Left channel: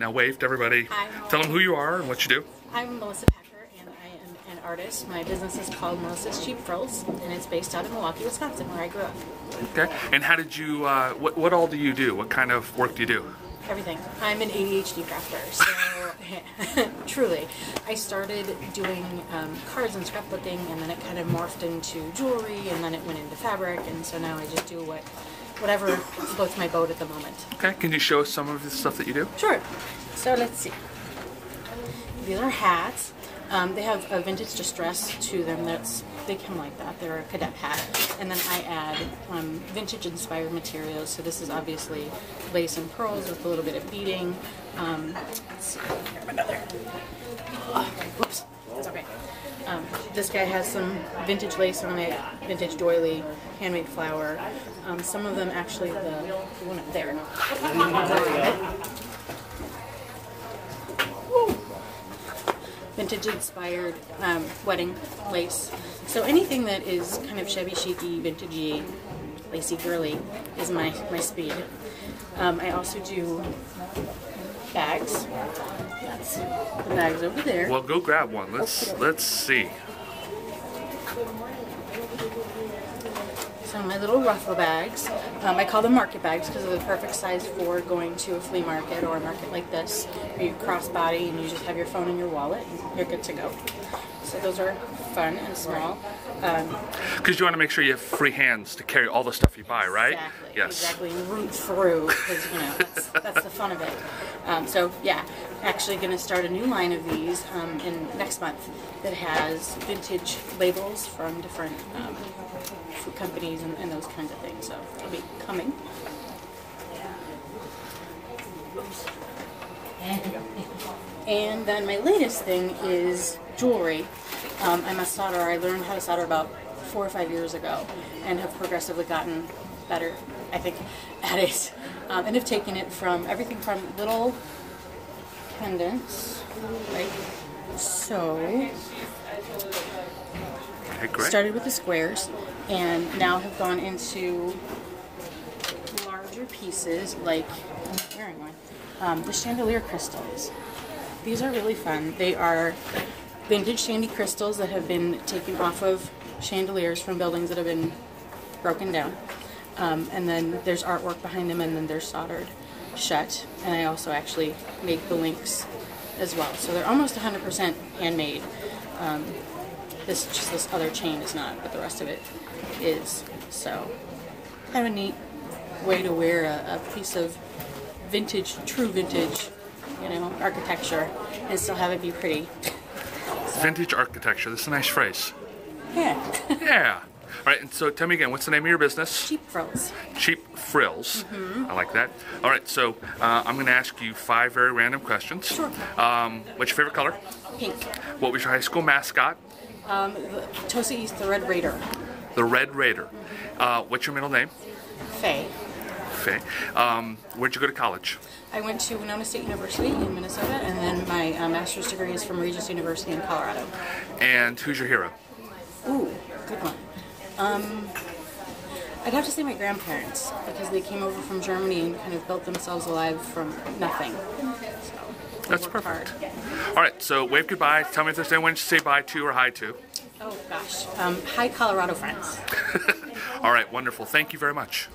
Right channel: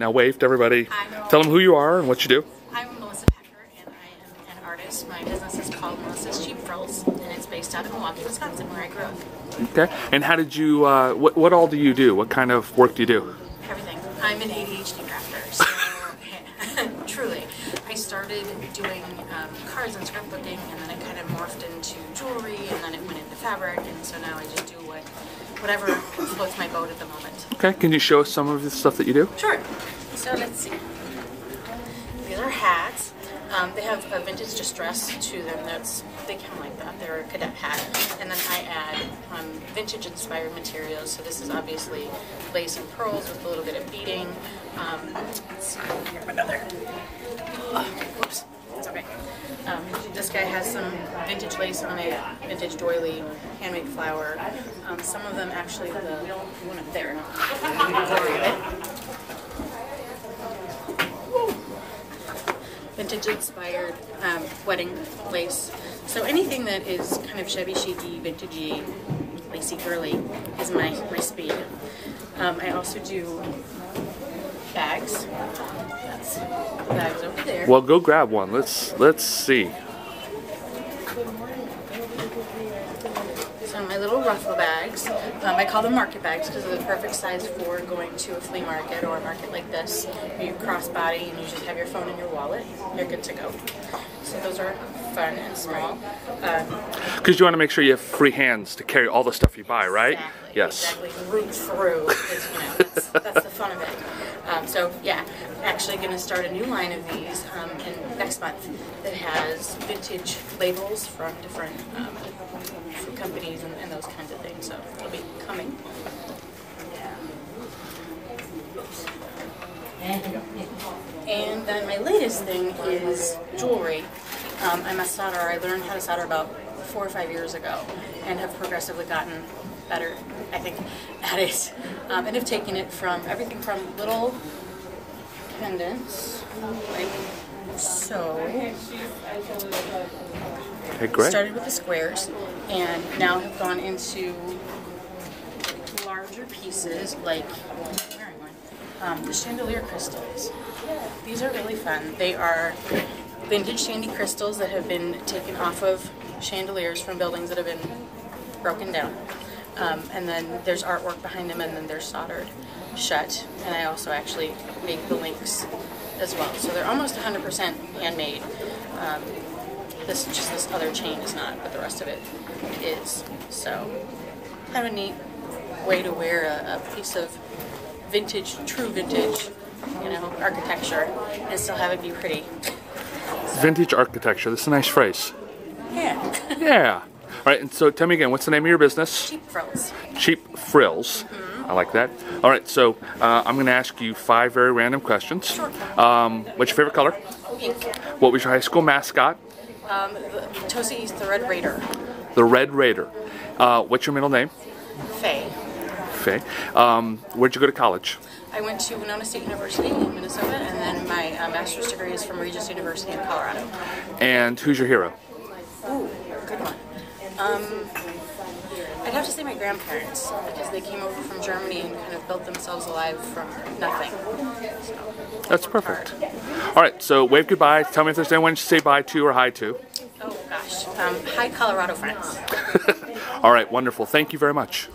Now wave to everybody. Hi. Tell them who you are and what you do. I'm Melissa Pecker, and I am an artist. My business is called Melissa's Cheap Frills, and it's based out of Milwaukee, Wisconsin, where I grew up. Okay. And how did you, what all do you do? What kind of work do you do? Everything. I'm an ADHD crafter, so truly. I started doing cards and scrapbooking, and then it kind of morphed into jewelry, and then it went into fabric, and so now I just do whatever floats my boat at the moment. Okay. Can you show us some of the stuff that you do? Sure. So let's see. These are hats. They have a vintage distress to them. They come like that. They're a cadet hat. And then I add vintage inspired materials. So this is obviously lace and pearls with a little bit of beading. Let's see, here another. Oops, it's okay. This guy has some vintage lace on it, vintage doily, handmade flower. Some of them actually, the one up there. Vintage inspired wedding lace. So anything that is kind of shabby chic-y, vintagey, lacy, girly is my speed. I also do bags. That's the bags over there. Well, go grab one. Let's see. So my little ruffle bags, I call them market bags because they're the perfect size for going to a flea market or a market like this. You crossbody and you just have your phone in your wallet, you're good to go. So those are fun and small. Because you want to make sure you have free hands to carry all the stuff you buy, right? Exactly, yes. Exactly, and root through, because, that's the fun of it. So yeah, actually going to start a new line of these in next month that has vintage labels from different food companies and those kinds of things. So it'll be coming. And then my latest thing is jewelry. I'm a solderer. I learned how to solder about 4 or 5 years ago and have progressively gotten better, I think, at it. And have taken it from everything from little pendants, like so. Okay, great. Started with the squares and now have gone into larger pieces like the chandelier crystals. These are really fun. They are vintage shandy crystals that have been taken off of chandeliers from buildings that have been broken down. And then there's artwork behind them, and then they're soldered shut. And I also actually make the links as well. So they're almost 100% handmade. This other chain is not, but the rest of it is. So kind of a neat way to wear a piece of vintage, true vintage, architecture and still have it be pretty. So. Vintage architecture. That's a nice phrase. Yeah. Yeah. All right, and so tell me again, what's the name of your business? Cheap Frills. Cheap Frills. I like that. All right, so I'm going to ask you 5 very random questions. Sure. What's your favorite color? Pink. What was your high school mascot? Tosa East, the Red Raider. The Red Raider. What's your middle name? Faye. Faye. Where'd you go to college? I went to Winona State University in Minnesota, and then my master's degree is from Regis University in Colorado. And who's your hero? Ooh, good one. I'd have to say my grandparents, because they came over from Germany and kind of built themselves alive from nothing. So, that's perfect. All right, so wave goodbye. Tell me if there's anyone to say bye to or hi to. Oh, gosh. Hi, Colorado friends. All right, wonderful. Thank you very much.